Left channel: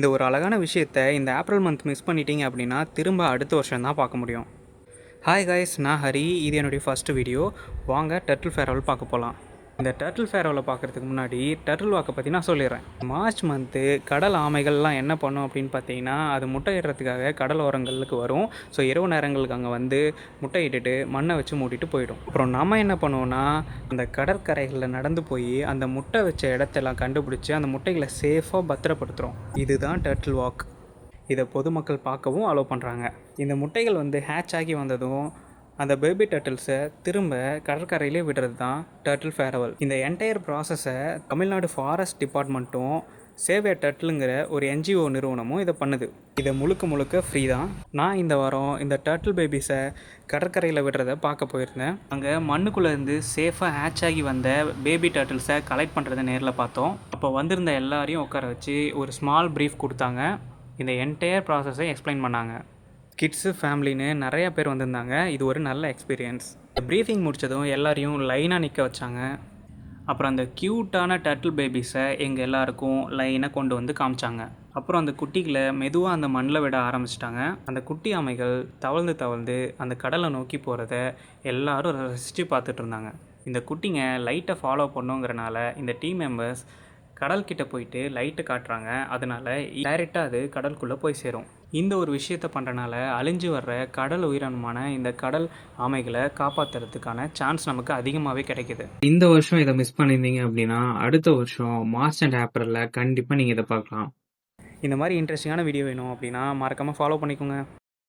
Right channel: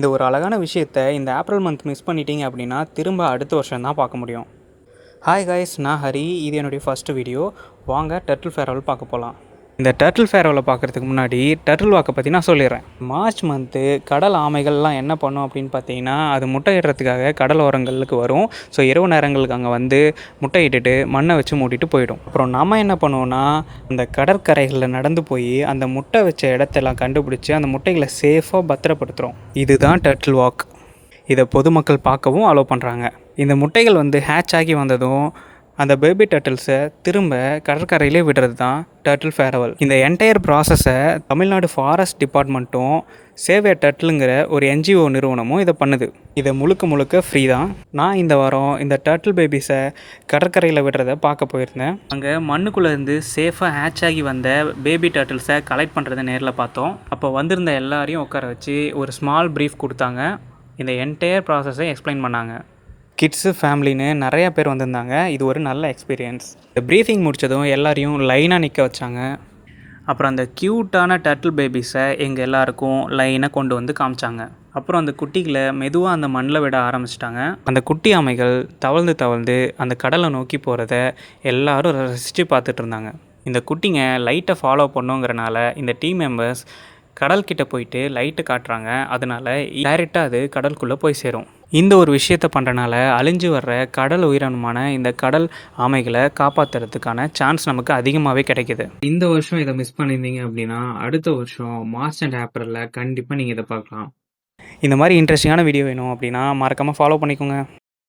இந்த ஒரு அழகான விஷயத்த இந்த ஏப்ரல் மந்த் மிஸ் பண்ணிட்டீங்க அப்படின்னா திரும்ப அடுத்த வருஷம் தான் பார்க்க முடியும். ஹாய் காய்ஸ், நான் ஹரி. இது என்னுடைய ஃபஸ்ட்டு வீடியோ. வாங்க டர்ட்டில் ஃபேர்வெல் பார்க்க போகலாம். இந்த டர்ட்டில் ஃபேர்வெலை பார்க்குறதுக்கு முன்னாடி டர்ட்டில் வாக்கை பற்றி நான் சொல்லிடுறேன். மார்ச் மந்த்து கடல் ஆமைகள்லாம் என்ன பண்ணும் அப்படின்னு பார்த்தீங்கன்னா, அது முட்டையிடுறதுக்காக கடல் ஓரங்களுக்கு வரும். ஸோ இரவு நேரங்களுக்கு அங்கே வந்து முட்டையிட்டுட்டு மண்ணை வச்சு மூடிட்டு போயிடும். அப்புறம் நம்ம என்ன பண்ணுவோன்னா, அந்த கடற்கரைகளில் நடந்து போய் அந்த முட்டை வச்ச இடத்தெல்லாம் கண்டுபிடிச்சி அந்த முட்டைகளை சேஃபாக பத்திரப்படுத்துகிறோம். இதுதான் டர்ட்டில் வாக். இதை பொதுமக்கள் பார்க்கவும் அலோவ் பண்ணுறாங்க. இந்த முட்டைகள் வந்து ஹேட்ச் ஆகி வந்ததும் அந்த பேபி டர்ட்டில்ஸை திரும்ப கடற்கரையிலே விடுறது தான் டர்ட்டில் ஃபேர்வெல். இந்த என்டையர் ப்ராசஸை தமிழ்நாடு ஃபாரஸ்ட் டிபார்ட்மெண்ட்டும் சேவ் எ டர்ட்டிலுங்கிற ஒரு என்ஜிஓ நிறுவனமும் இதை பண்ணுது. இதை முழுக்க ஃப்ரீ தான். நான் இந்த வாரம் இந்த டர்ட்டில் பேபிஸை கடற்கரையில் விடுறதை பார்க்க போயிருந்தேன். அங்கே மண்ணுக்குள்ளேருந்து சேஃபாக ஹேட்ச் ஆகி வந்த பேபி டர்ட்டில்ஸை கலெக்ட் பண்ணுறதை நேரில் பார்த்தோம். அப்போ வந்திருந்த எல்லாரையும் உட்கார வச்சு ஒரு ஸ்மால் ப்ரீஃப் கொடுத்தாங்க. இந்த என்டையர் ப்ராசஸை எக்ஸ்பிளைன் பண்ணாங்க. கிட்ஸு, ஃபேமிலின்னு நிறையா பேர் வந்திருந்தாங்க. இது ஒரு நல்ல எக்ஸ்பீரியன்ஸ். ப்ரீஃபிங் முடித்ததும் எல்லாரையும் லைனாக நிற்க வச்சாங்க. அப்புறம் அந்த க்யூட்டான டர்ட்டில் பேபிஸை எங்கள் எல்லாருக்கும் லைனாக கொண்டு வந்து காமிச்சாங்க. அப்புறம் அந்த குட்டிகளை மெதுவாக அந்த மண்ணில் விட ஆரம்பிச்சிட்டாங்க. அந்த குட்டி ஆமைகள் தவழ்ந்து அந்த கடலை நோக்கி போகிறத எல்லோரும் ரசித்து பார்த்துட்டு இருந்தாங்க. இந்த குட்டிங்க லைட்டை ஃபாலோ பண்ணுங்கிறனால இந்த டீம் மெம்பர்ஸ் கடல்கிட்ட போயிட்டு லைட்டு காட்டுறாங்க. அதனால் டைரெக்டாக அது கடலுக்குள்ளே போய் சேரும். இந்த ஒரு விஷயத்தை பண்ணுறனால அழிஞ்சு வர்ற கடல் உயிரினமான இந்த கடல் ஆமைகளை காப்பாற்றுறதுக்கான சான்ஸ் நமக்கு அதிகமாகவே கிடைக்கிது. இந்த வருஷம் இதை மிஸ் பண்ணியிருந்தீங்க அப்படின்னா அடுத்த வருஷம் மார்ச் அண்ட் ஏப்ரலில் கண்டிப்பாக நீங்கள் இதை பார்க்கலாம். இந்த மாதிரி இன்ட்ரெஸ்டிங்கான வீடியோ வேணும் அப்படின்னா மறக்காமல் ஃபாலோ பண்ணிக்கோங்க.